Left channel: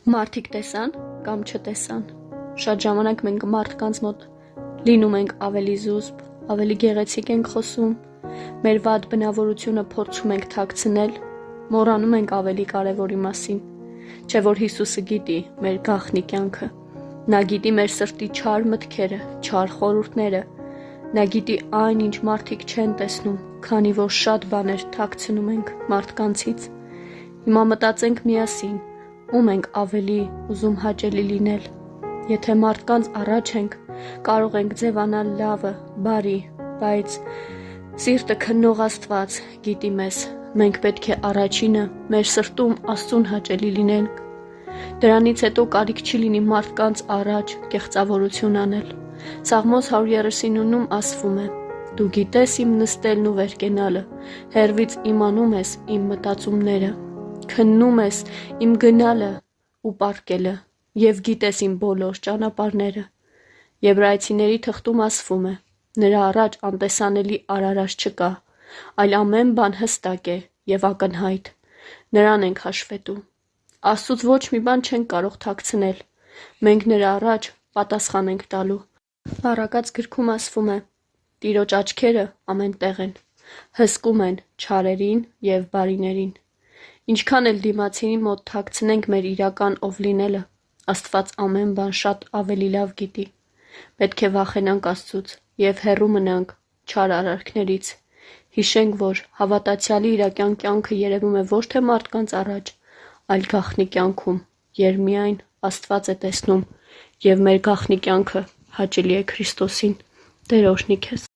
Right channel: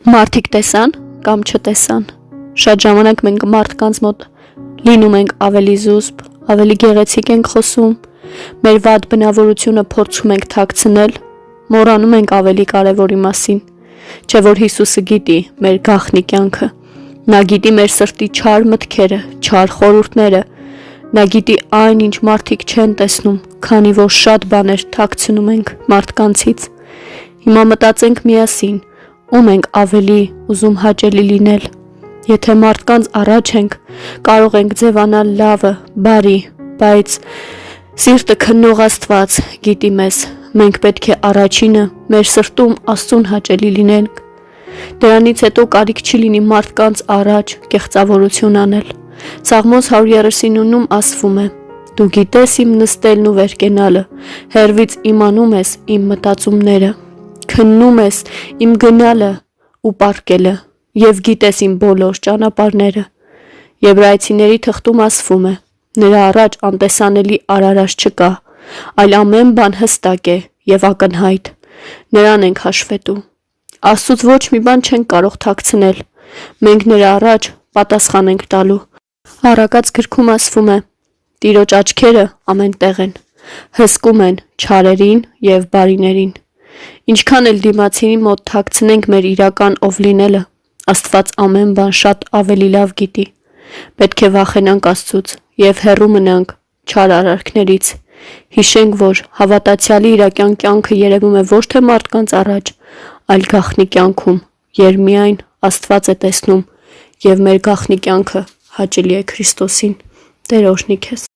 Մարդիկ տեսան կամ չտեսան։ Շատ ժամանակ մենք մարդկանց մոտ լինում ենք ավելի զուսպ, ավելի գեղեցիկ ենք խոսում, մեր վատ բնավորությունը փորձում ենք թաքցնել, մոռանում ենք ավելի կարևորի մասին, չէ որ Հիսուսը գիտի մեր գաղտնի կյանքը, նա գիտի մեր սրտի չար մտքերը, չար խորհուրդները, նա գիտի այն, ինչ մարդիկ չեն տեսնում, քանի որ շատ բաներ թաքցնում ենք մարդկանցից։ Հիմա մտածենք միասին, ում ենք ավելի ուզում հաճելի լինել։ Եթե մարդկանց առաջ ենք, կարող ենք ձևանալ լավը, բարի, բայց սիրտը քննող Աստված գիտի մեզ, մենք պետք է առաջինը մեր սրտում Աստծուն հաճելի լինենք։ Դրանից հետո կարիք չի լինի մարդկանց առաջ կեղծավորություն անել։ Սաղմոս 139-ում ասվում է. «Դու գիտես իմ նստելն ու վեր կենալը, հեռվից իմանում ես իմ մտածումները, քննում ես իմ գնալը ու պառկելը և գիտես իմ բոլոր ճանապարհները»։ Եբրայեցիների թղթում ասվում է. «Նրա առաջ անտեսանելի արարած չկա, այլ ամեն բան հստակ է և ակնհայտ, նրան ենք հաշվետու»։ Աստծուց ոչ մի բան չենք կարող թաքցնել, մենք նրա առաջ պատասխան ենք տալու։ Առակաց գրքում ասվում է. «Տիրոջ աչքերը ամեն տեղ են, հսկում են չարերին և բարիներին»։ Ինչքան էլ դիմացինի մոտ թաքցնենք մեր իրական ով լինելը, Աստված ամեն բան շատ ավելի լավ գիտի։ Պետք է վախենանք Աստծուց և հեռու մնանք չար արարքներից։ Հիշենք, որ հավատացյալի իրական կյանքը երևում է ոչ թե մարդկանց առաջ, այլ գաղտնի կյանքում, երբ միայն Աստված է տեսնում, և մեր գաղտնի կյանքը հաճելի է Քրիստոսին։ Տեր օրհնի քեզ։